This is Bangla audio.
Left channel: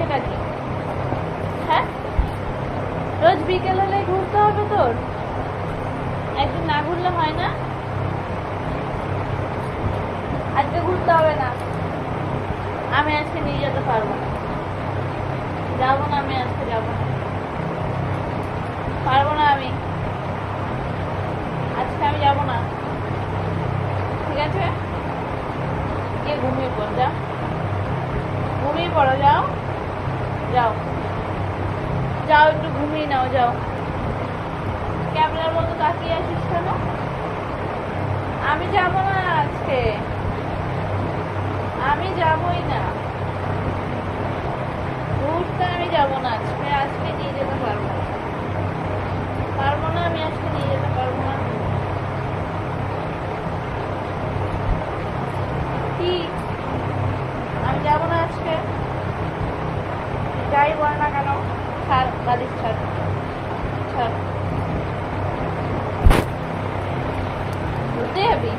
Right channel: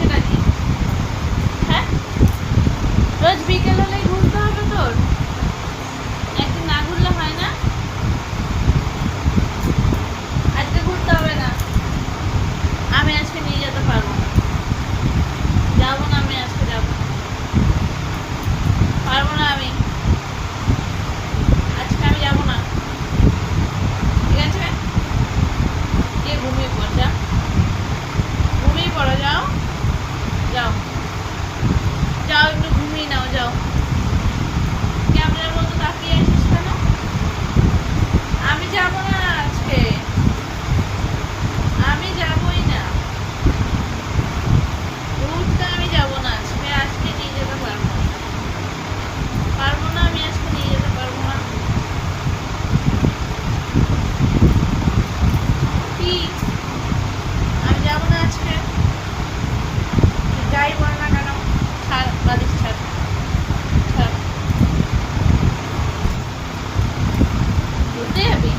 সেটা কি? হ্যাঁ, রোজ বিকেল হলে ঘুরতে হবে তোর? একদিন না ঘুরলে হয় না? আজকে ঘুরতে হবে না, আমি আজকে নিয়ে যেতে পারবো না। যাবো না, আমি আজকে যাবো না, পারবো না আমি আজকে, আমি যাবো না। ঠিক আছে, গিয়ে ঘুমিয়ে পড়, যাও ঘুমিয়ে পড়ো, যাও যাও যাও, একটু ঘুমিয়ে নাও, যাও। ক্যামেরার মতো তাকিয়ে আসিস কেন? আমি যাবো না আজকে, আমি যাবোই না ঘুরতে, আমি যাবো না আজকে, আজকে নিয়ে যেতে পারবো না, পারবো না, আমি আজকে নিয়ে যেতে পারবো না। কি? আমি যাবো না আজকে, যাই বল না কেন। ছাড় বালিশ, ছাড় ছাড়। ঘুরতে যাবি?